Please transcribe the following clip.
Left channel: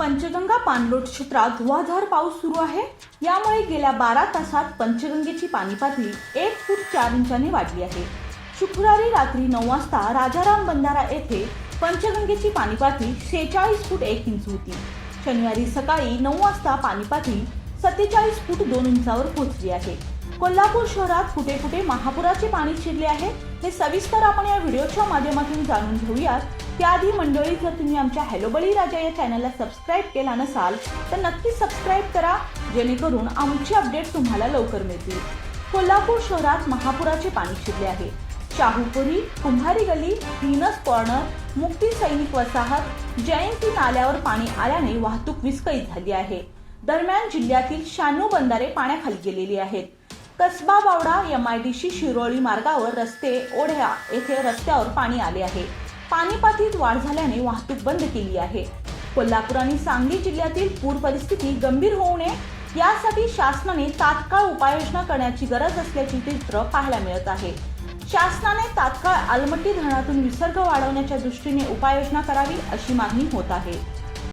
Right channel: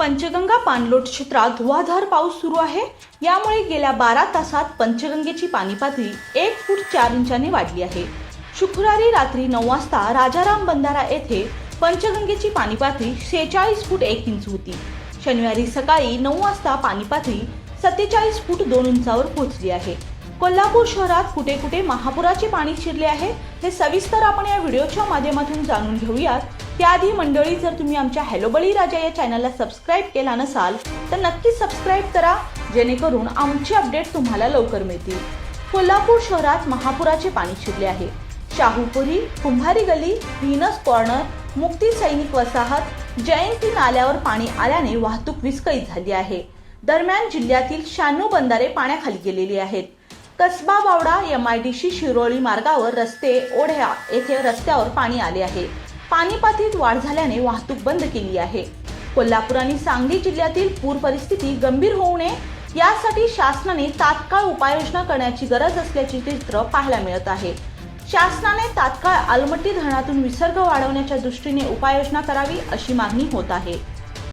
पंचगंगा पाणलोट क्षेत्रात धुवाधार पाऊस सुरू आहे. यामुळे गेल्या बारा तासात पंचगंगेची पाणी पातळी एक फूट चार इंचाने वाढली आहे. शुक्रवारी रात्री नऊ वाजता राजाराम बंधारा येथे पंचगंगेची पाणी पातळी शेहेचाळीस फूट एक इंच होती. शनिवारी सकाळी नऊ वाजता पाणी पातळी सत्तेचाळीस फूट दोन इंचावर पोहोचली आहे. कोल्हापूर शहरात कुठे कुठे महापुराचे पाणी शिरले आहे. हे सविस्तर आपण या व्हिडिओच्या माध्यमातून जाणून घेऊयात. त्याआधी मंडळी जर तुम्ही आमच्या हॅलो बळी राजा या चॅनलला सबस्क्राईब केला नसाल तर नक्कीच सबस्क्राईब करा जेणेकरून आमची अपडेट तुम्हाला लवकर मिळतील. कोल्हापूर शहरात महापुराचे पाणी शिरले आहे. शाहूपुरी कुंभारी गली व्हीनस कॉर्नर मुक्ती सैनिक वसाहत जयंती नाल्यावर पाणी आल्याने वाहतूक विस्कळीत झाली आहे. दरम्यान जिल्ह्यातील शहाण्णव बंधारे पाण्याखाली गेलेली आहेत. Kasba Bawda M I D C Shiroli मार्गावर रस्ते ओढ्या येथे रस्त्यावर पाणी आले आहे. पाणी पातळीत वाढ झाल्याने वाहतूक बंद केली आहे. कोल्हापूर आणि सांगली जिल्ह्यातील पूर परिस्थिती गंभीर होऊ नये यासाठी शासनाने तात्काळ उपाययोजना करण्याची गरज असल्याचे चित्र पाहायला मिळत आहे. शासनाने तात्काळ आलमट्टी धरणातून विसर्ग वाढवण्याच्या दृष्टीने उपाययोजना करावी अशी मागणी होत आहे.